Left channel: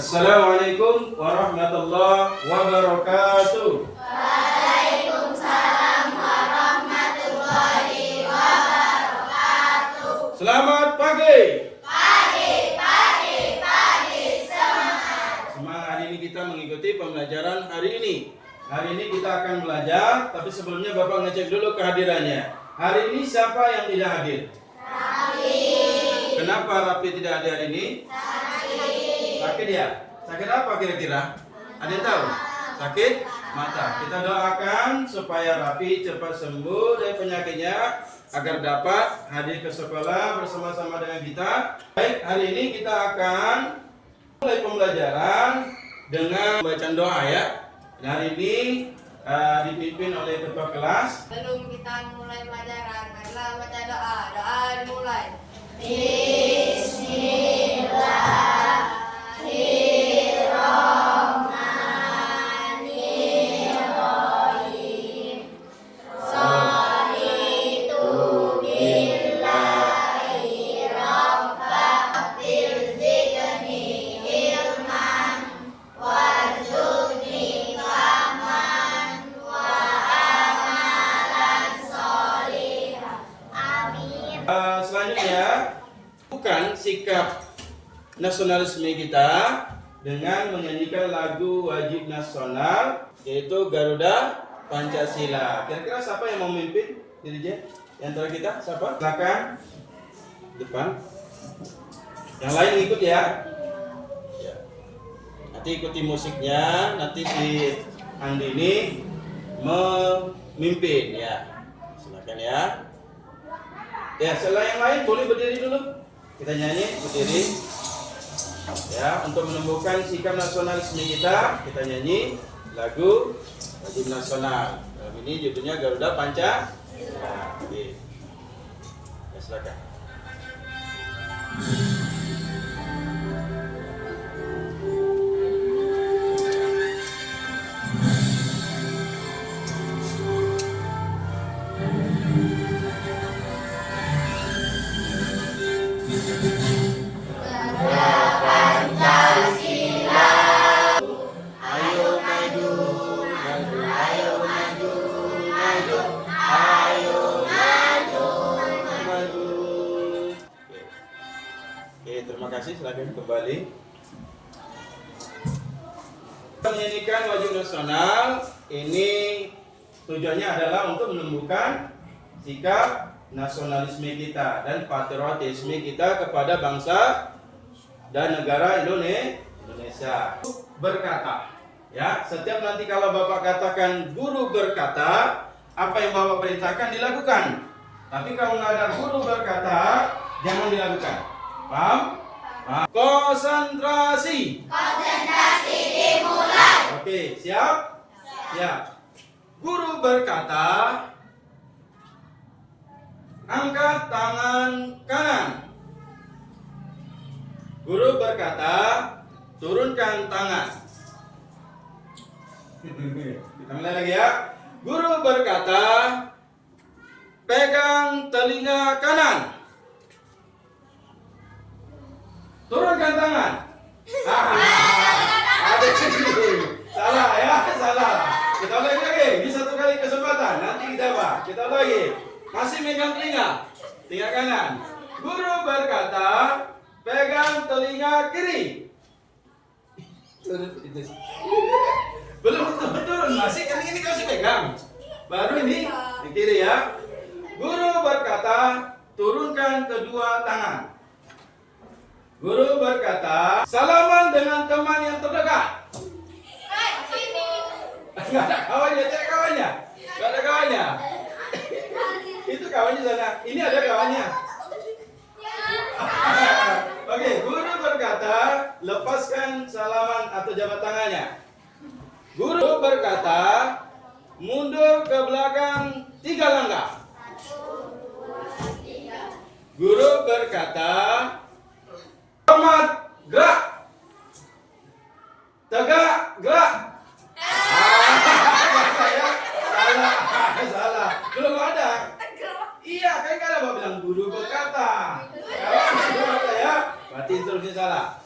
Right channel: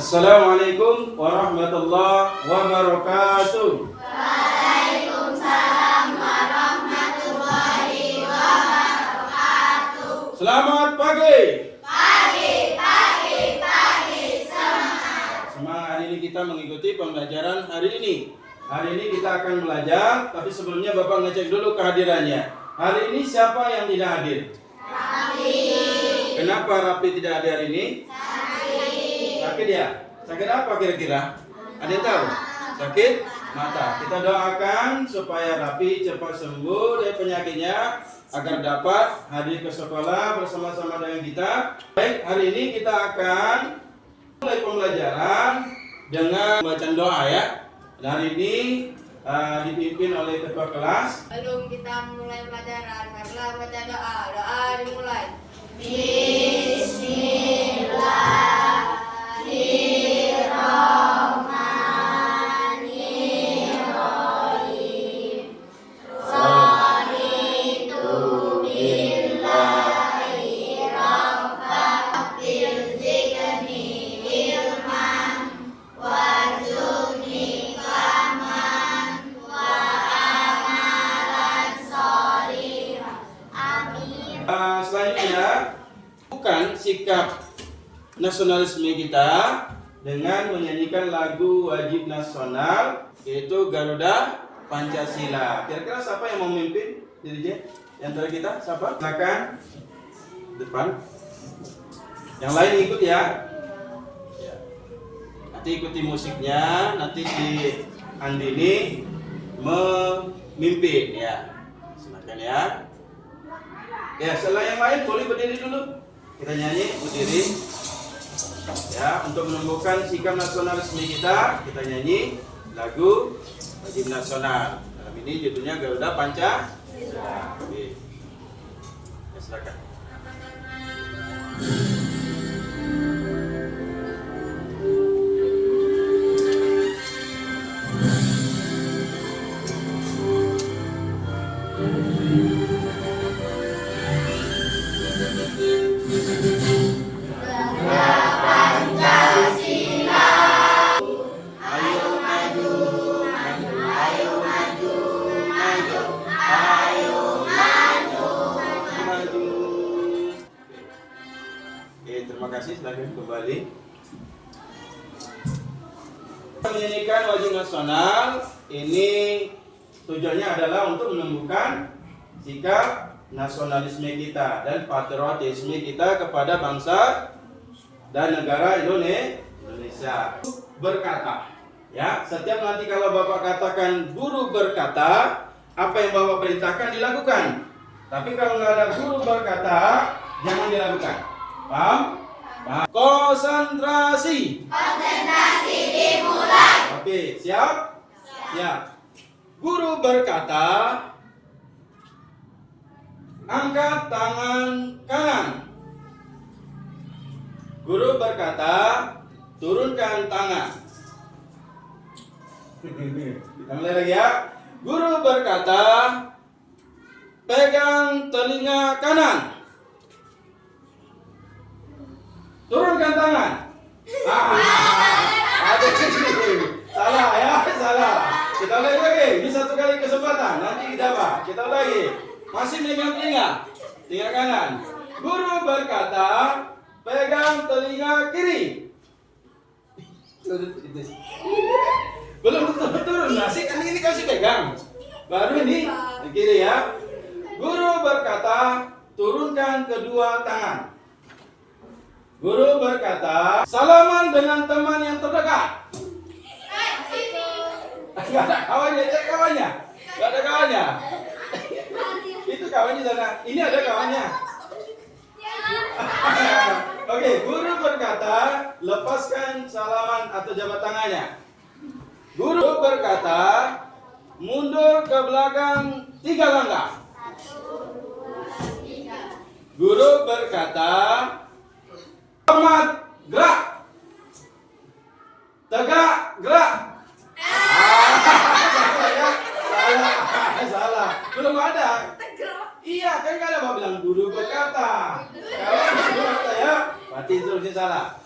Assalamualaikum warahmatullahi wabarakatuh. Waalaikumsalam warahmatullahi wabarakatuh. Selamat pagi. Pagi semangat. Semangat, hari ini kita mengikuti pembelajaran hari ini. Hari ini kita akan belajar, tapi sebelumnya Bapak ngecek dulu kehadirannya. Hari ini siapa yang tidak hadir? Rapi. Kenapa Rapi tidak hadir hari ini? Sakit ya? Sakit apa kira-kira? Ada yang tahu? Sakit mata. Kita doakan supaya Rapi cepat sembuh dari penyakitnya agar dapat hadir ke sekolah bersama-sama dengan kita. Baik, hari ini kita akan mulai pembelajaran dengan bacaan doa ya. Dan hari ini dipimpin oleh ketua kelas. Sebelum kita mulai pelajaran, marilah baca doa. Doa dimulai. Bismillahirrahmanirrahim. Sholitu billahi rabbil zikni ilman warzuqni kaman wa amalan sholihah. Amin. Selanjutnya, bukan sikap nasionalisme kita dengan menyanyikan lagu wajib nasional, yaitu Garuda Pancasila. Kira-kira siapa yang mau memimpin DJ? Di antara kita siapa? Silakan depan. Yang lain ikut ya. Ya. Nanti ikuti musiknya. Nanti si Andini memimpin ya. Silakan ya. Ya, setelah yang lain boleh berdiri dulu. Kita nyanyi berdiri. Ya, untuk menumbuhkan sikap nasionalisme kita nyanyi lagu wajib nasional. Dalam ini judulnya Garuda Pancasila. Oke. Ya, silakan. Terima kasih, silakan kembali. Menyanyikan wajib nasional ini tujuannya adalah untuk menumbuhkan sikap nasionalisme kita dan patriotisme kita kepada bangsa dan negara Indonesia. Berkata, ya, setiap nanti kalau Bapak katakan guru berkata, apa yang Bapak perintahkan dilakukan. Tapi kalau nggak ada guru berkata, jangan dilakukan. Paham? Konsentrasi Dimulai. Oke, siap? Siap. Guru berkata, angkat tangan kanan. Guru berkata, turunkan tangan. Kita mulai lagi ya. Guru berkata, pegang telinga kanan. Turunkan tangan. Salah ya, salah. Kita ulangi lagi. Ini satu kali kesempatan. Nanti kita apa? Kita ulangi. Masih megang telinga kanan. Guru berkata, pegang telinga kiri. Belum turun. Masih kan ini kasih pegang. Baru ini kiri ya. Guru berkata, turunkan kedua tangan. Guru berkata, salaman dengan teman yang terdekat. Gak ada kawannya, cek kawannya. Gak ada kawannya. Itu kawannya sana. Ini ada kawannya. Oke, guru berkata, lepaskan salaman atau jabat tangannya. Guru berkata, mundur ke belakang 3 langkah. Guru berkata, hormat, gerak. Tegak, gerak. Salah. Belum ada. Iya, kan kalau Bapak bilang guru berkata. Kalau guru berkata ya, berarti instruksi salah.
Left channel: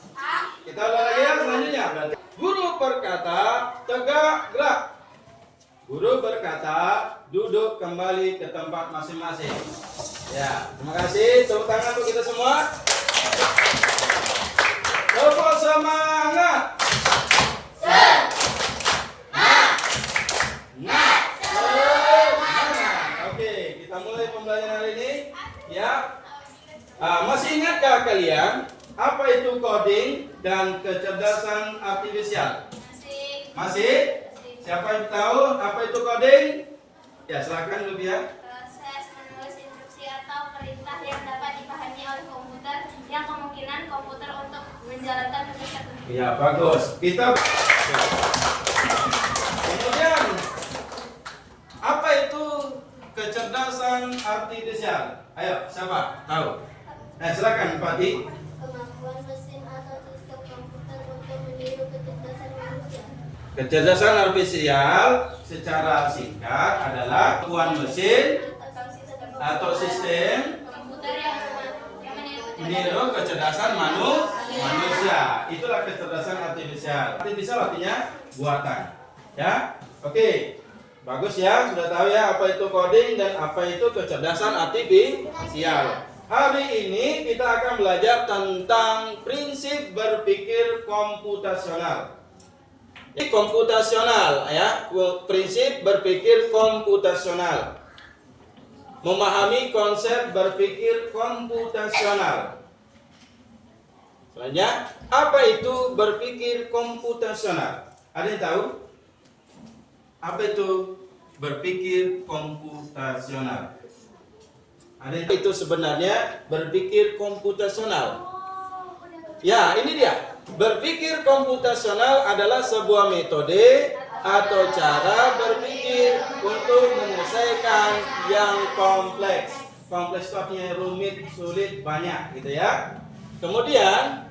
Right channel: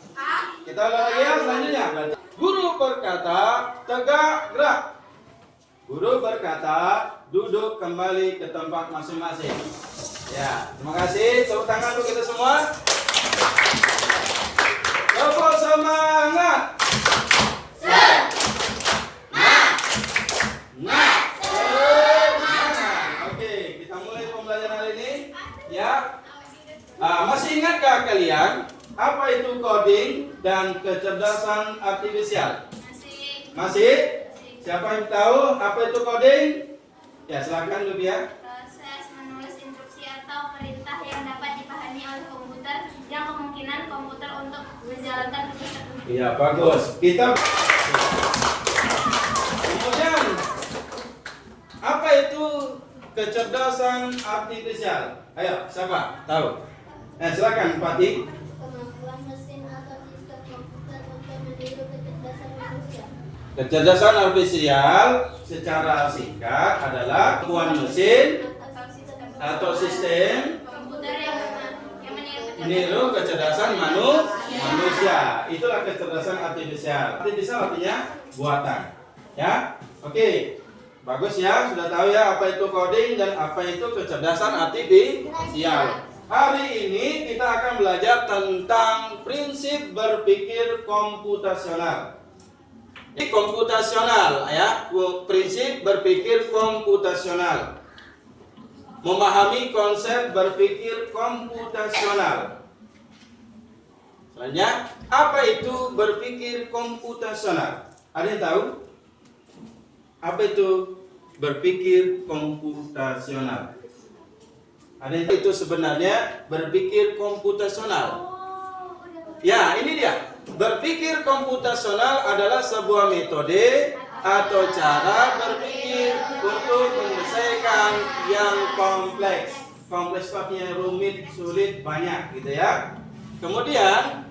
Kita ulang lagi ya, selanjutnya. Guru berkata, tegak gerak. Guru berkata, duduk kembali ke tempat masing-masing. Ya, terima kasih. Tepuk tangan untuk kita semua. Tepuk semangat. Oke, kita mulai pembelajaran hari ini. Ya. Masih ingatkah kalian apa itu coding dan kecerdasan artifisial? Masih? Siapa yang tahu apa itu coding? Ya, silakan Lubia. Proses menulis instruksi atau perintah yang dapat dipahami oleh komputer yang kemungkinan komputer untuk menjalankan tugas tertentu. Iya, bagus. Kita kemudian apa itu kecerdasan artifisial? Ayo, siapa tahu? Nah, silakan Fatih. Kemampuan mesin atau sistem komputer untuk meniru kecerdasan manusia. Kecerdasan artifisial secara singkat adalah kemampuan mesin atau sistem Komputer yang meniru kecerdasan manusia. Itulah kecerdasan artifisial. Artifisial artinya buatan. Ya, oke, bagus ya. Sudah tahu ya apa itu coding dan apa itu kecerdasan artifisial. Hari ini kita akan belajar tentang prinsip berpikir komputasional. Ini komputasional ya, prinsip berpikir komputasional. Memahami konsep berpikir komputasional. Selanjutnya, apa itu berpikir komputasional? Ada yang tahu? Apa itu berpikir komputasional? Ada yang tahu itu sebenarnya berpikir komputasional? Ya, ini dia. Berpikir komputasional adalah sebuah metode atau cara berpikir untuk menyelesaikan yang kompleks. Kompleks itu artinya rumit, sulit, banyak gitu ya. Kemudian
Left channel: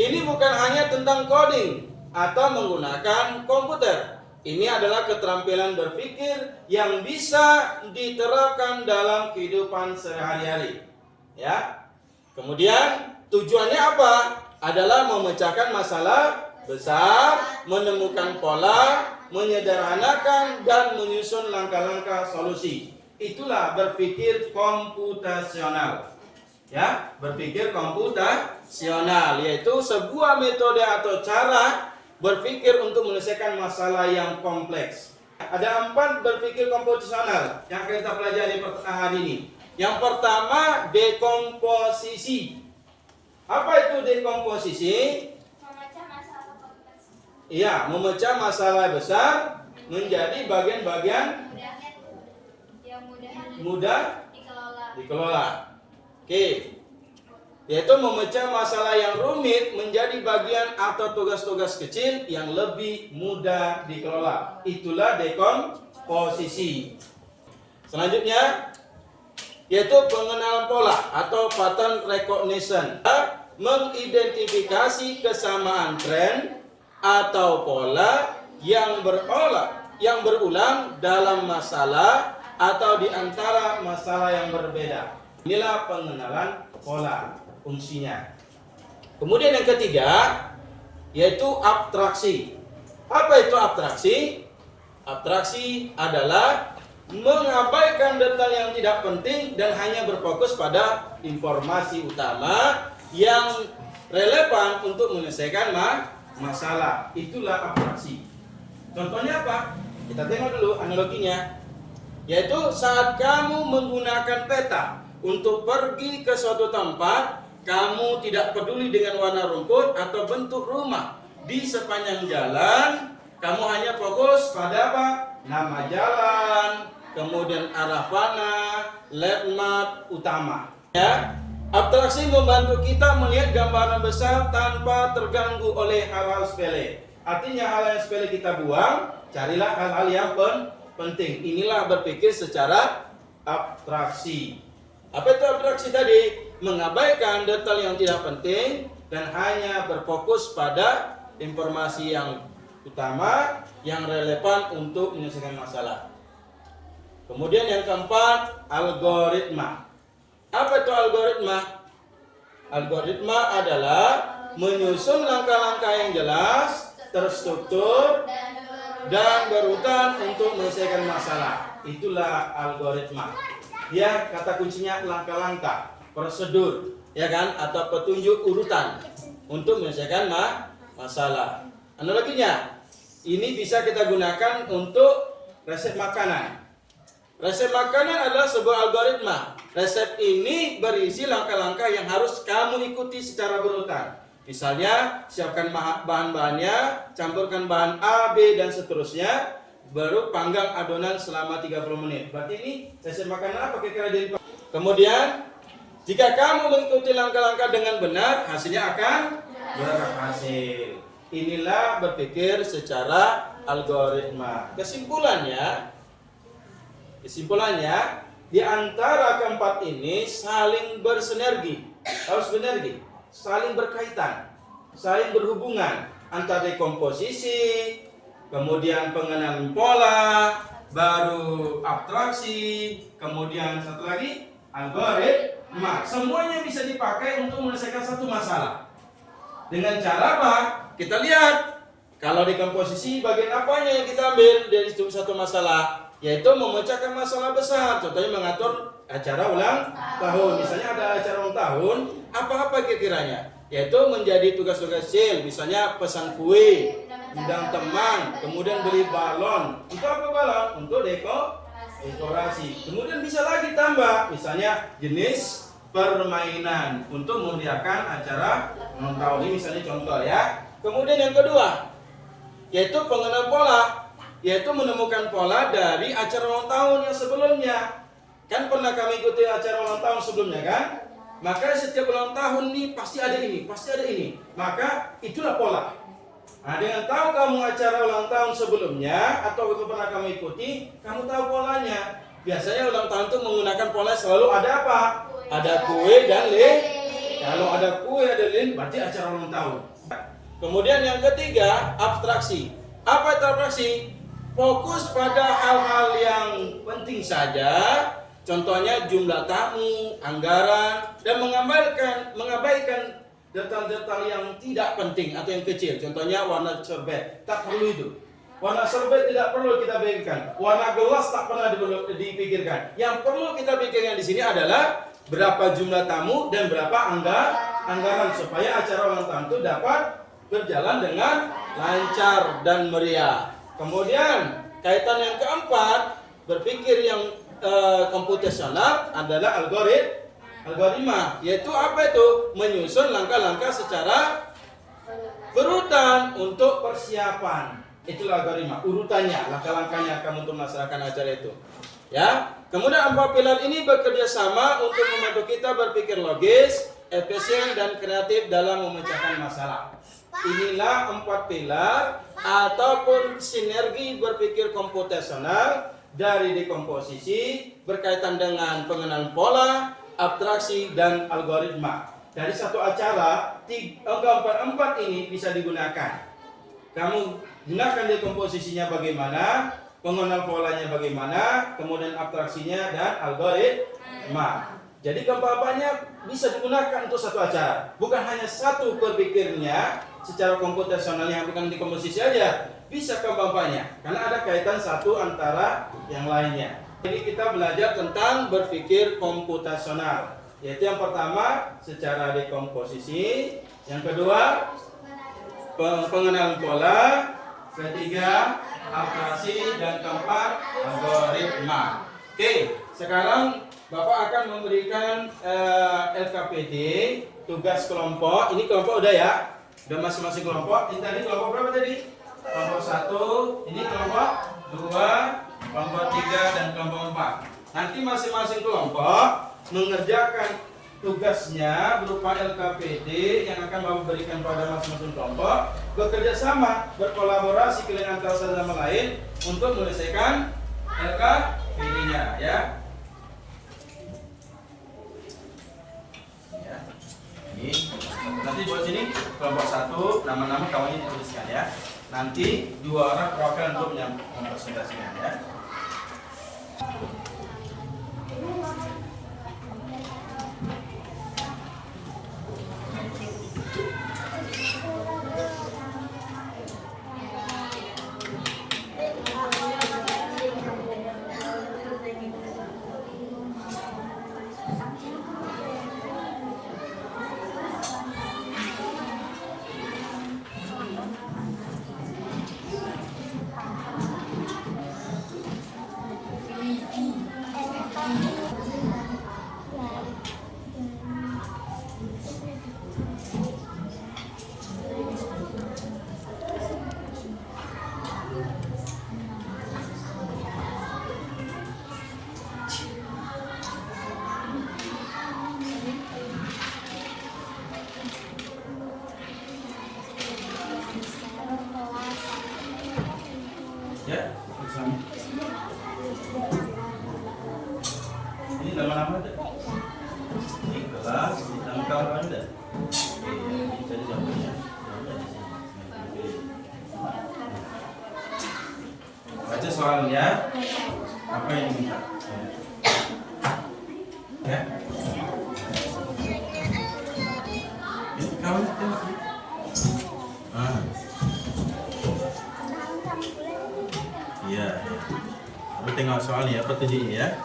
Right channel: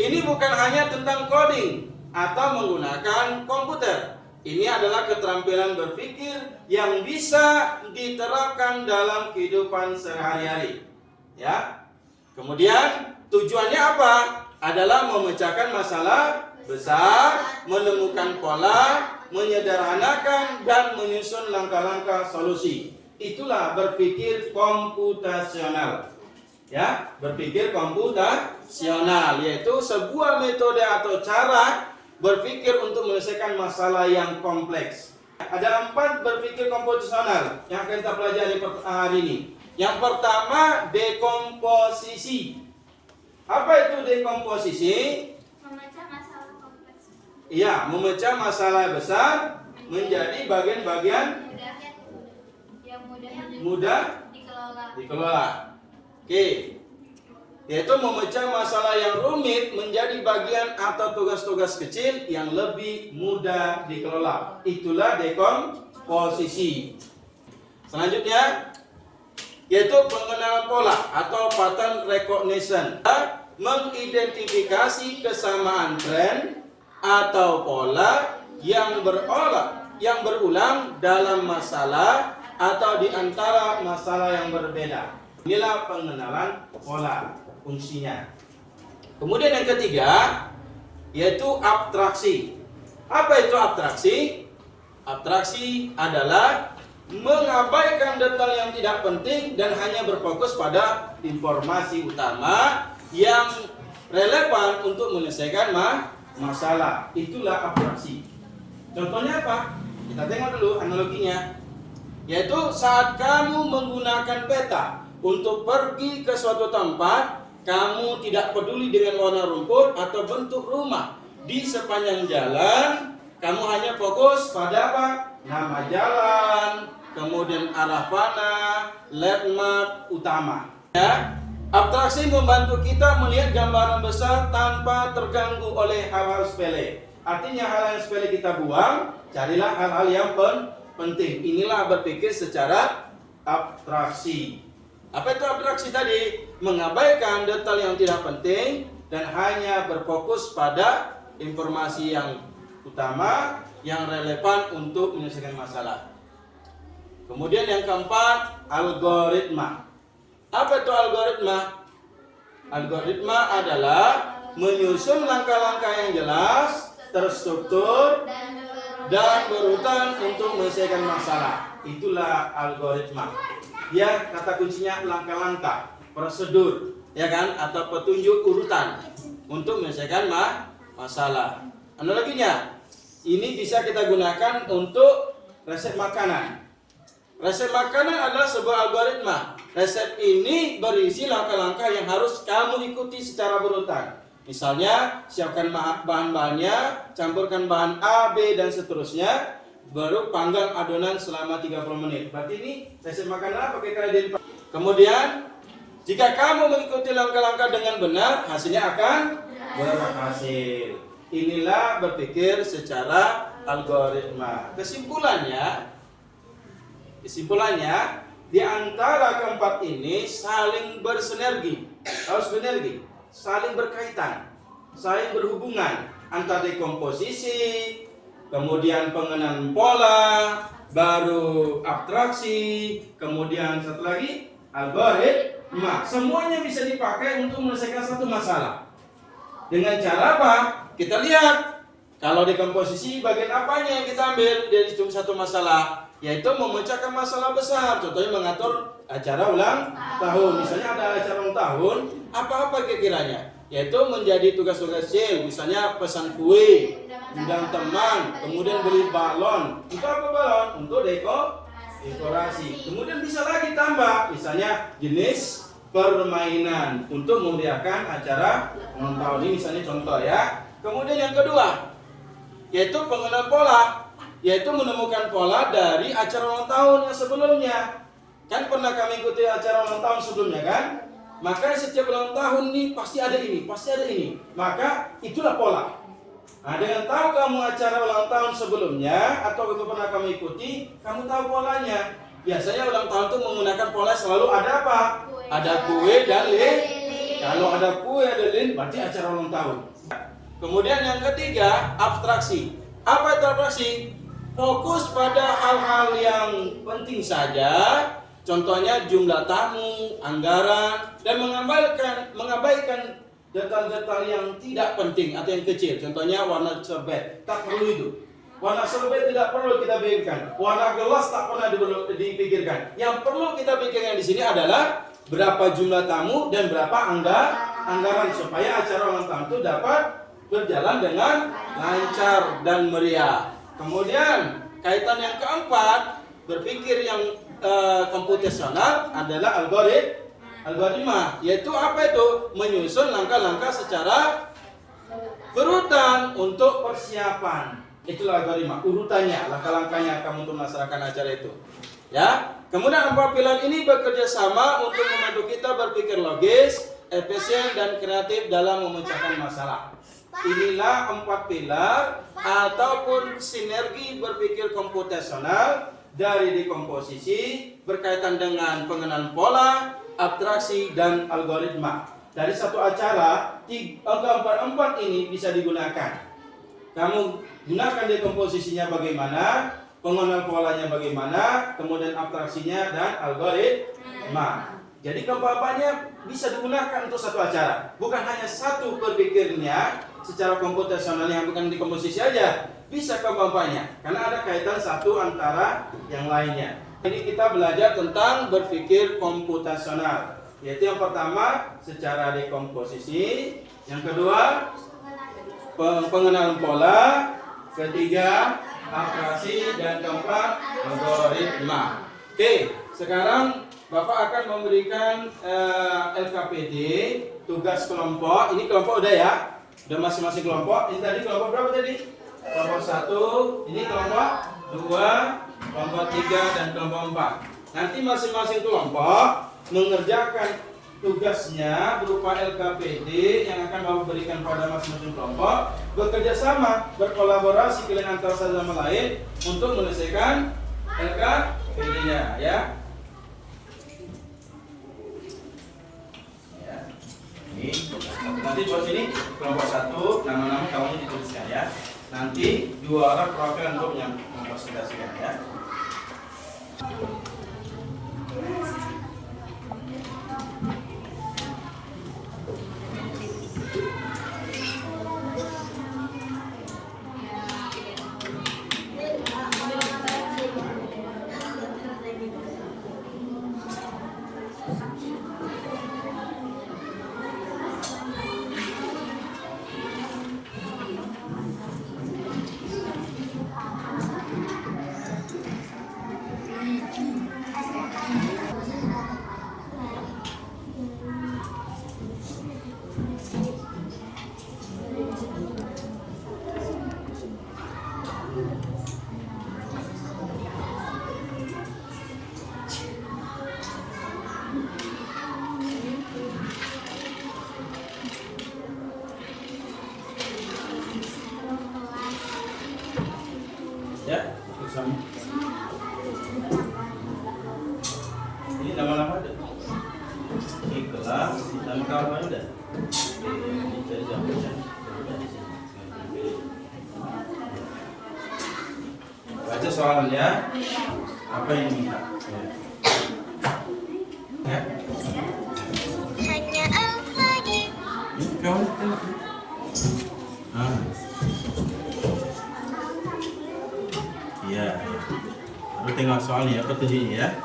ini bukan hanya tentang coding atau menggunakan komputer. Ini adalah keterampilan berpikir yang bisa diterapkan dalam kehidupan sehari-hari. Ya. Kemudian tujuannya apa? Adalah memecahkan masalah besar, menemukan pola, menyederhanakan dan menyusun langkah-langkah solusi. Itulah berpikir komputasional. Ya, berpikir komputasional yaitu sebuah metode atau cara berpikir untuk menyelesaikan masalah yang kompleks. Ada 4 berpikir komputasional yang akan kita pelajari hari ini. Yang pertama, dekomposisi. Apa itu dekomposisi? memecah masalah kompleks. Iya, memecah masalah besar menjadi bagian-bagian Yang mudah dikelola. dikelola. Oke. Yaitu memecah masalah yang rumit menjadi bagian atau tugas-tugas kecil yang lebih mudah dikelola. Itulah dekomposisi. Selanjutnya yaitu pengenalan pola atau pattern recognition. Mengidentifikasi kesamaan tren atau pola yang berulang dalam masalah atau di antara masalah yang berbeda. Inilah pengenalan pola, fungsinya. Kemudian yang ketiga yaitu abstraksi. Apa itu abstraksi? Abstraksi adalah mengabaikan detail yang tidak penting dan hanya berfokus pada informasi utama yang relevan untuk menyelesaikan masalah. Itulah abstraksi. Contohnya apa? Kita tengok dulu analoginya. Yaitu saat kamu menggunakan peta untuk pergi ke suatu tempat, kamu tidak peduli dengan warna rumput atau bentuk rumah di sepanjang jalan. Kamu hanya fokus pada apa? Nama jalan, kemudian arah panah, landmark utama. Ya, abstraksi membantu kita melihat gambaran besar tanpa terganggu oleh hal-hal sepele. Artinya hal yang sepele kita buang, carilah hal-hal yang penting. Inilah berpikir secara abstraksi. Apa itu abstraksi tadi? Mengabaikan detail yang tidak penting dan hanya berfokus pada informasi yang utama yang relevan untuk menyelesaikan masalah. Kemudian yang keempat, algoritma. Apa itu algoritma? Algoritma adalah menyusun langkah-langkah yang jelas, terstruktur, dan berurutan untuk menyelesaikan masalah. Itulah algoritma. Dia kata kuncinya langkah-langkah, prosedur, ya kan, atau petunjuk urutan untuk menyelesaikan masalah. Analoginya, ini bisa kita gunakan untuk resep makanan. Resep makanan adalah sebuah algoritma. Resep ini berisi langkah-langkah yang harus kamu ikuti secara berurutan. Misalnya, siapkan bahan-bahannya, campurkan bahan A, B, dan seterusnya, baru panggang adonan selama 30 menit. Berarti ini resep makanan apa kira-kira? Kemudian, jika kamu mengikuti langkah-langkah dengan benar, hasilnya akan berhasil. Inilah berpikir secara algoritma. Kesimpulannya, di antara keempat ini saling bersinergi, harus sinergi, saling berkaitan, saling berhubungan antara dekomposisi, kemudian pengenalan pola, baru abstraksi, kemudian satu lagi algoritma. Semuanya bisa dipakai untuk menyelesaikan satu masalah. Dengan cara apa? Kita lihat. Kalau dekomposisi bagian apanya yang kita ambil dari satu masalah? Yaitu memecahkan masalah besar. Contohnya mengatur acara ulang tahun. Misalnya ada acara ulang tahun, apa-apa kira-kiranya? Yaitu menjadi tugas-tugas kecil. Misalnya pesan kue, undang teman, kemudian beli balon. Untuk apa balon? Untuk dekorasi. Kemudian bisa lagi tambah, misalnya jenis permainan untuk memeriahkan acara ulang tahun. Ini misalnya contoh ya. Kemudian yang kedua, yaitu pengenalan pola. Yaitu menemukan pola dari acara ulang tahun yang sebelumnya. Kan pernah kami ikuti acara ulang tahun sebelumnya kan? Maka setiap ulang tahun nih pasti ada ini, pasti ada ini. Maka itulah pola. Nah, dengan tahu kamu acara ulang tahun sebelumnya atau pernah kamu ikuti, kamu tahu polanya. Biasanya ulang tahun itu menggunakan pola selalu ada apa? Ada kue dan lilin. Kalau ada kue ada lilin berarti acara ulang tahun. Kemudian yang ketiga, abstraksi. Apa itu abstraksi? Fokus pada hal-hal yang penting saja, contohnya jumlah tamu, anggaran, dan mengabaikan detail-detail yang tidak penting atau yang kecil. Contohnya warna sorbet, tak perlu itu. Warna sorbet tidak perlu kita pikirkan. Warna gelas tak pernah dipikirkan. Yang perlu kita pikirkan di sini adalah berapa jumlah tamu dan berapa anggaran supaya acara ulang tahun itu dapat berjalan dengan lancar dan meriah. Kemudian kaitan yang keempat, berpikir yang komputasional adalah algoritma, yaitu apa itu? Menyusun langkah-langkah secara berurutan untuk persiapan. Itulah algoritma, urutannya, langkah-langkahnya kamu untuk melaksanakan acara itu. Ya. Kemudian empat pilar ini bekerja sama untuk membantu kita berpikir logis, efisien dan kreatif dalam memecahkan masalah. Inilah empat pilar ataupun sinergi berpikir komputasional dari dekomposisi berkaitan dengan pengenalan pola, abstraksi, dan algoritma. Dari satu acara, keempat ini bisa digunakan. Kamu gunakan dekomposisinya bagaimana, pengenalan polanya bagaimana, kemudian abstraksinya dan algoritma. Jadi keempat-empatnya bisa digunakan untuk satu acara. Bukan hanya satu berpikirnya secara komputasional yang bukan di komposisi aja, bisa keempat-empatnya karena ada kaitan satu antara yang lainnya. Ini kita belajar tentang berpikir komputasional, yaitu yang pertama secara dekomposisi, yang kedua pengenalan pola, ketiga abstraksi, dan keempat algoritma. Oke, sekarang Bapak akan memberikan LKPD tugas kelompok. Ini kelompok udah ya, udah masing-masing kelompok. Ini tadi kelompok berapa tadi? Kelompok 1, ini kelompok 2, kelompok 3, dan kelompok 4. Nanti masing-masing kelompok mengerjakan tugasnya berupa LKPD yang akan Bapak berikan pada masing-masing kelompok, bekerja sama, berkolaborasi kalian antara satu sama lain untuk menyelesaikan LKPD-nya ya. Ini nanti buat sini kelompok 1 nama-nama kawannya dituliskan ya. Nanti 2 orang perwakilan untuk mempresentasikan ya. soalnya. Apa yang diminta? Ya. Kau tengok. Iya. Lalu tengok soalnya, apa tujuannya ya?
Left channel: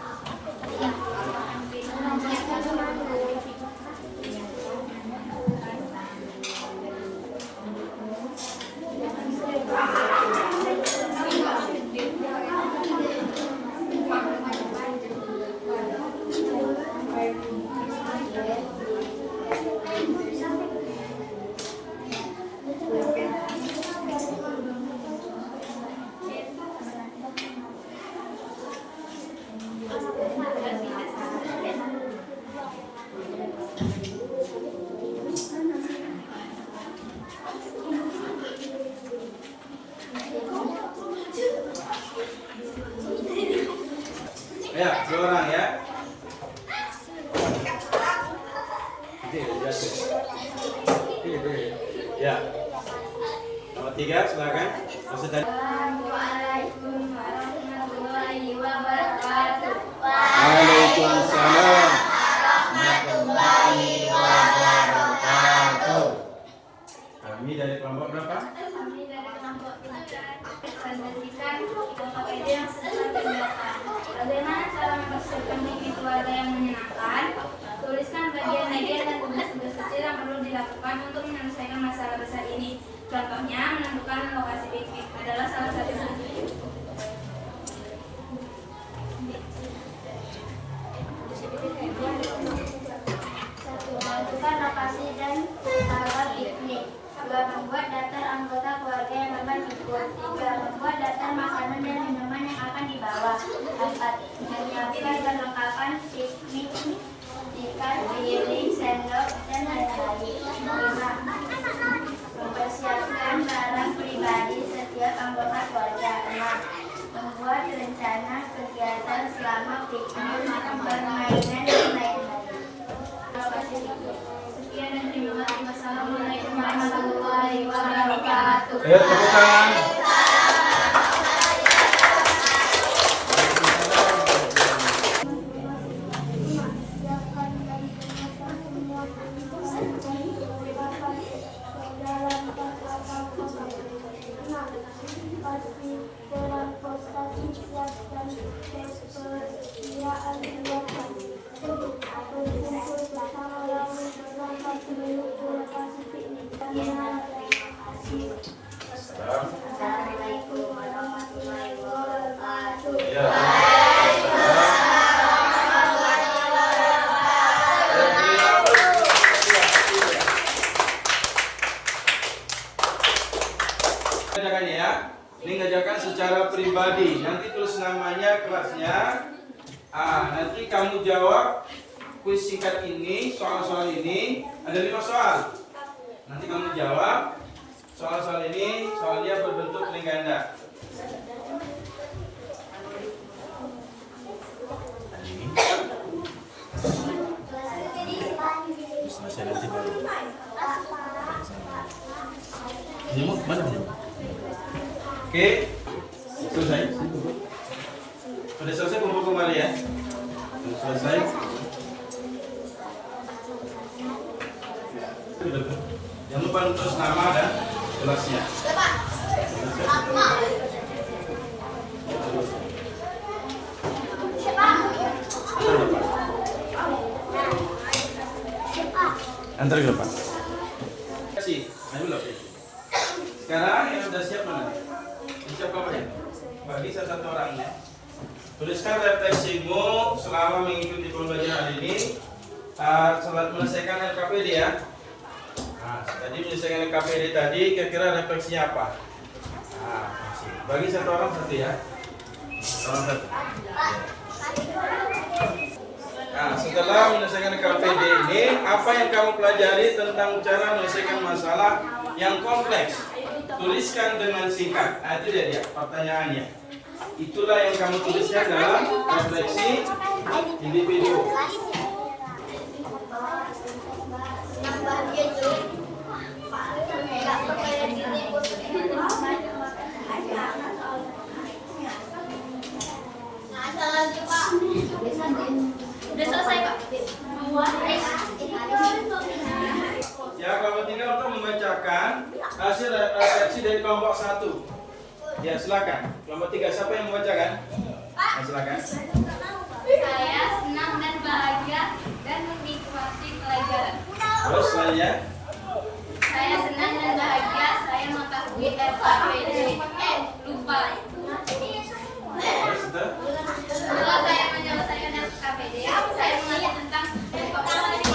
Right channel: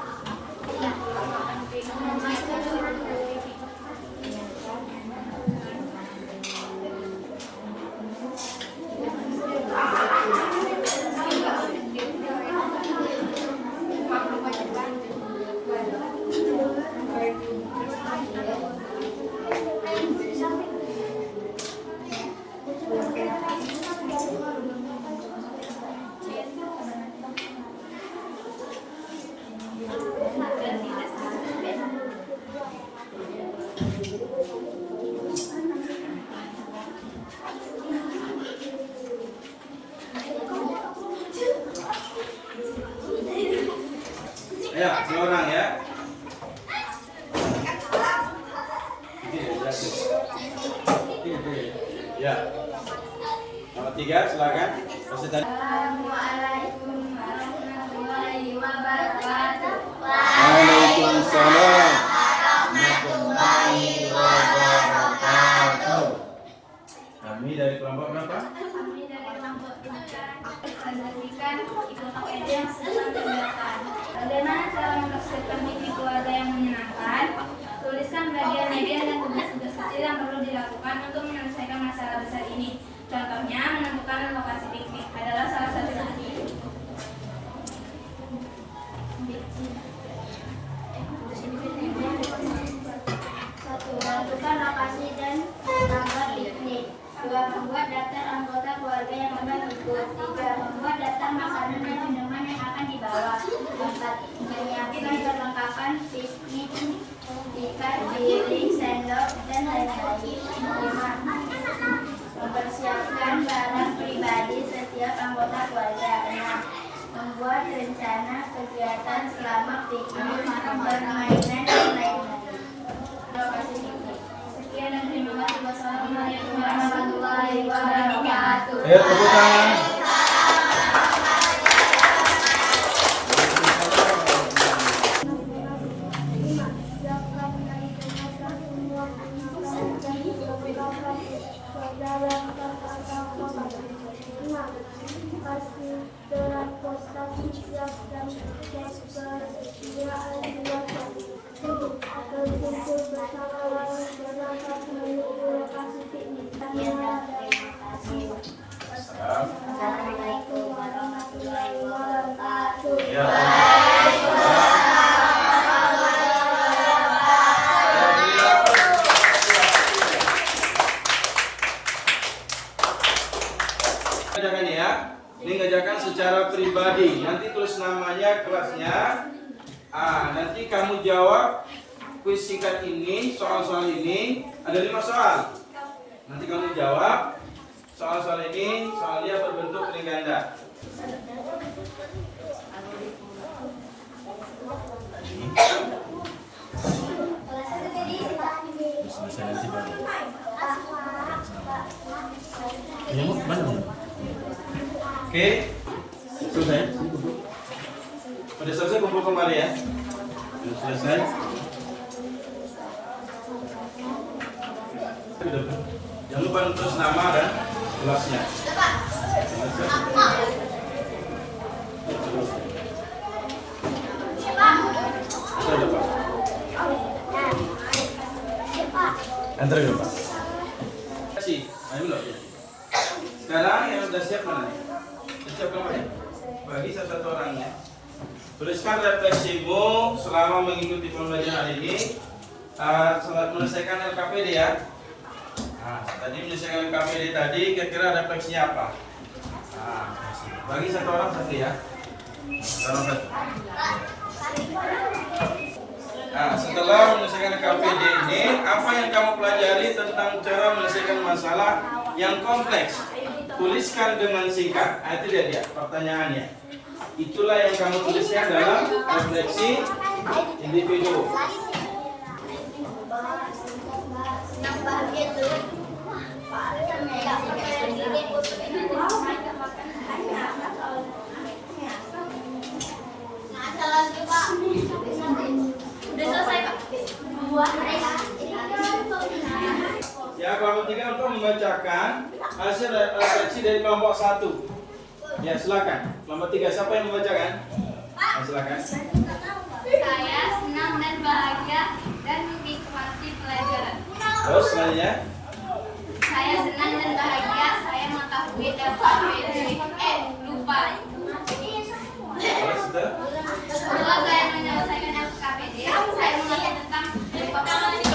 Ya, seorang ya. Ya. Nomor 3, silakan. Assalamualaikum warahmatullahi wabarakatuh. Waalaikumsalam warahmatullahi wabarakatuh. Kami dari kelompok berapa? Kami dari kelompok 3 presentasikan IPA yang sedang digunakan. Bagaimana cara mempersiapkan mimpi keluarga yang menyenangkan? Tuliskan bagian media dan tugas-tugas kecil yang perlu dilakukan untuk menyelesaikan masalah besar ini. Contohnya, menentukan lokasi piknik adalah salah satu contoh. Satu, menentukan lokasi dan tanggal piknik. 2, membuat daftar anggota keluarga yang akan ikut. 3, membuat daftar makanan dan minuman yang akan dibawa. 4, menyiapkan perlengkapan piknik, ikan, piring, sendok, dan lain-lain. 5, mempersiapkan barang pribadi setiap anggota keluarga. 6, membuat rencana kegiatan selama piknik, permainan, dan lain-lain. Lokasi piknik. Sekian dan terima kasih. Wassalamualaikum warahmatullahi wabarakatuh. Ayo tepuk tangan. Assalamualaikum warahmatullahi wabarakatuh. Ya. Kerjakan ya. Ini kerjakan secara pribadi. Nanti tulis namanya, kelasnya. Nanti kamu jawab kuis singkat ini, soal-soal ini. Ada 5 soal. Nanti kamu jawab soal-soal ini, soalnya berbentuk link ganda. Oke, selesai. Sudah selesai, kumpul kembali ya. Sudah selesai. Jangan lupa tulis nama dan kelasnya. Antar ke Pak. Kasih. Ayo loh. Sekarang yang sudah siap mana? Siap kamu ya? Bagi satu orangnya. Tuliskan refleksimu selama mengikuti pembelajaran ini. Setelah menyelesaikan LKPD ya. Tadi menyelesaikan LKPD tadi, kira-kira refleksinya apa? Bagi satu orang satu ya. Orang satu. Setelah menyelesaikan KPD ini, apa yang kamu pelajari tentang cara menyelesaikan masalah yang kompleks? Tuliskan dengan singkat. Itu dia pertanyaannya. Itulah yang kamu tuliskan dalam refleksi individu. Yang bahagia itu refleksi dari kelompok 1. Ya, silakan. Kelompok 3 siapa yang membacakan? Silakan. Saya senang dan bahagia dan menikmati pelajaran. Terus selanjutnya. Saya senang dan bahagia, saya mengetahui LKPD. Lupa. Terus itu. Setelah saya menyelesaikan LKPD, saya mengerti tentang abstraksi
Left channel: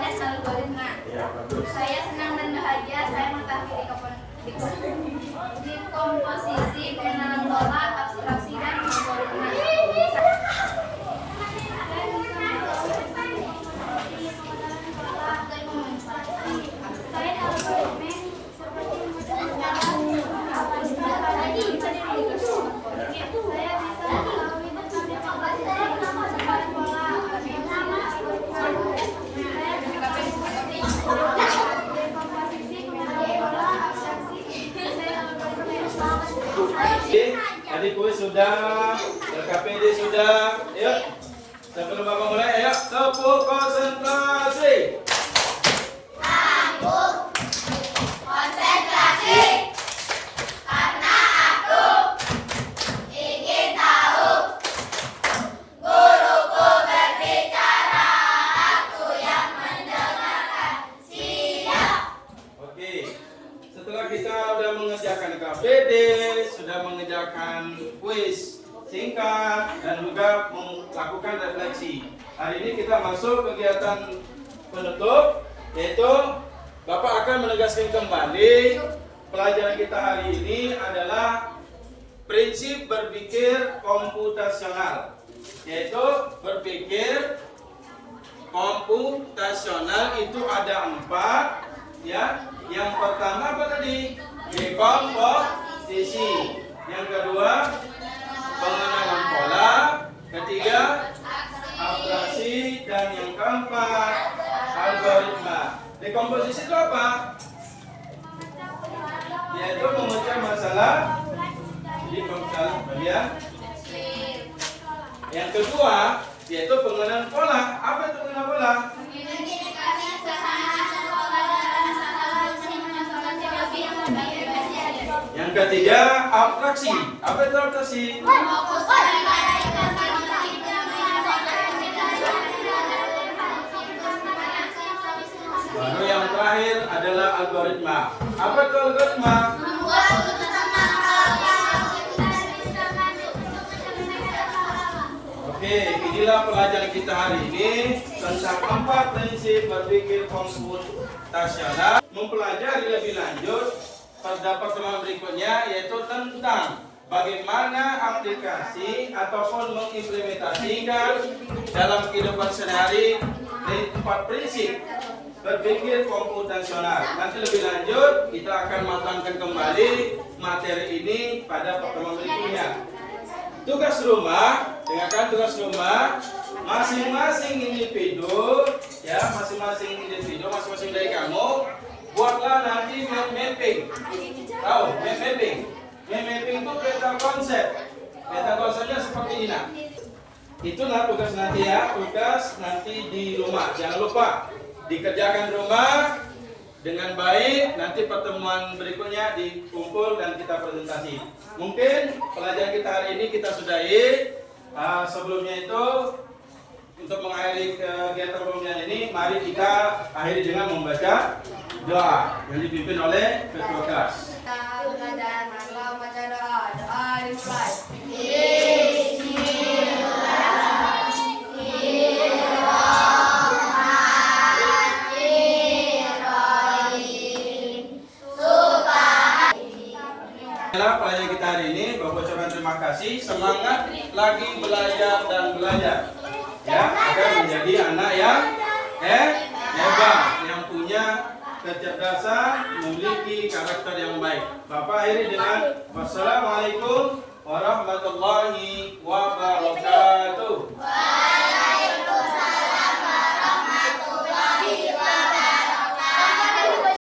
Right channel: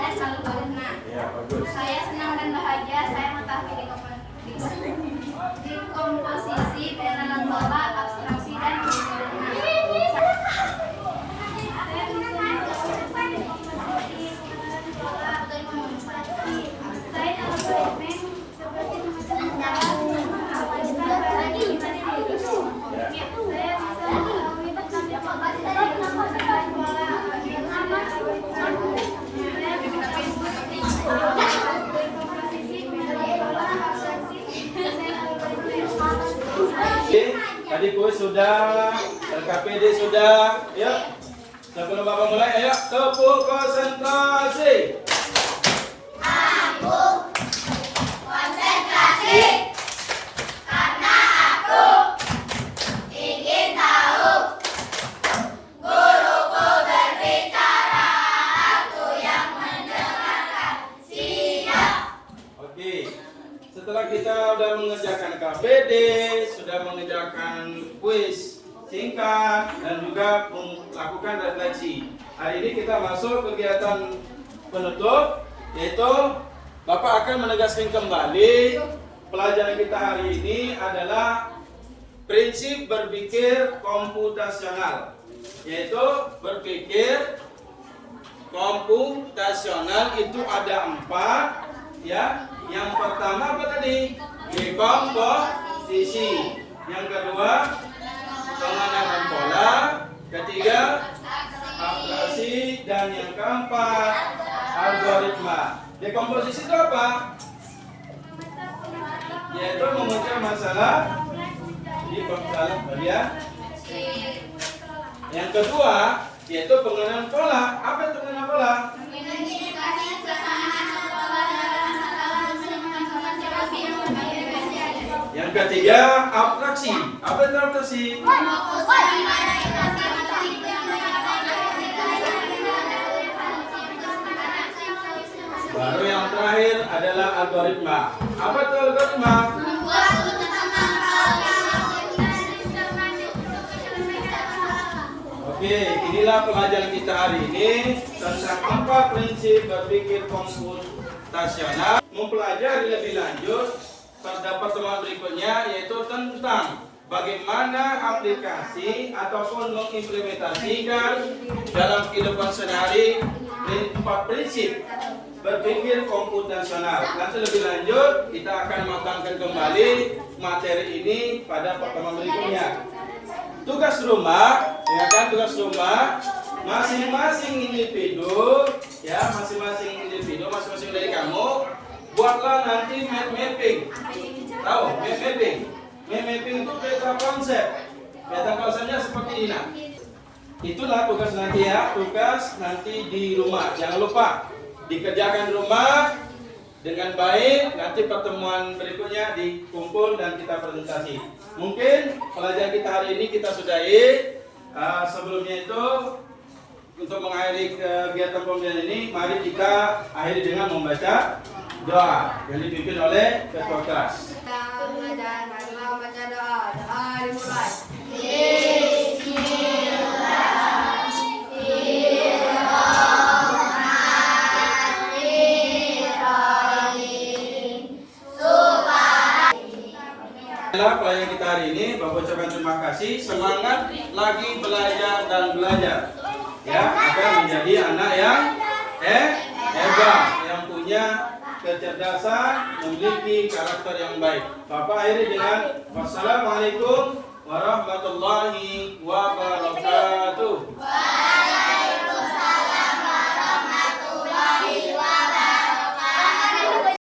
dan algoritma. Ya, bagus. Saya senang dan bahagia, saya mengetahui dekomposisi, pengenalan pola, abstraksi dan algoritma. Oke, tadi kuis sudah, LKPD sudah. Yuk, sebelum Bapak mulai, ayo tepuk konsentrasi. Oke, setelah kita sudah mengerjakan KPD, sudah mengerjakan kuis singkat dan juga melakukan refleksi. Hari ini kita masuk kegiatan penutup, yaitu Bapak akan menegaskan kembali pelajaran kita hari ini adalah prinsip berpikir komputasional, yaitu berpikir komputasional itu ada 4, ya. Yang pertama apa tadi? Dekomposisi. Yang kedua, pengenalan pola. Ketiga, abstraksi. Dan yang keempat, algoritma. Dekomposisi itu apa? Yaitu memecah masalah jadi masalah bagian. Yang kedua, yaitu pengenalan pola. Apa itu pengenalan pola? Yang ketiga, abstraksi. Apa itu abstraksi? Baru yang terakhir adalah algoritma. Apa itu algoritma? Oke, inilah pelajaran kita hari ini tentang 4 prinsip berpikir komputasional. Mempelajari lebih lanjut pada pertemuan berikutnya, yaitu tentang bagaimana aplikasi ataupun mengimplementasikan dalam kehidupan sehari-hari 4 prinsip berpikir komputasional. Nanti lebih lanjut kita akan matangkan kembali materi ini pada pertemuan berikutnya. Tugas rumah, dengarkan tugas rumah, masing-masing individu, ya masing-masing dari kamu, buatlah nanti map mapping. Tahu map mapping? Map mapping itu peta konsep. Peta konsepnya seperti ini. Nah, itulah tugas nanti ya, tugas nanti di rumah. Jangan lupa dikerjakan di rumah dengan baik. Nanti pertemuan berikutnya dikumpul dan kita presentasi. Mungkin pelajaran kita hari ini kita sudahi. Sebelumnya itu untuk mengakhiri kegiatan pembelajaran ini, mari kita akhiri dengan membaca doa yang dipimpin oleh ketua kelas. Kita belajar, marilah baca doa. Doa dimulai. Pelajaran kita hari ini, Bapak ucapkan terima kasih. Semangat lagi belajar dan belajar, ya, agar menjadi anak yang hebat, yang punya kecerdasan, memiliki karakter yang baik. Bapak akhiri dengan wassalamualaikum warahmatullahi wabarakatuh.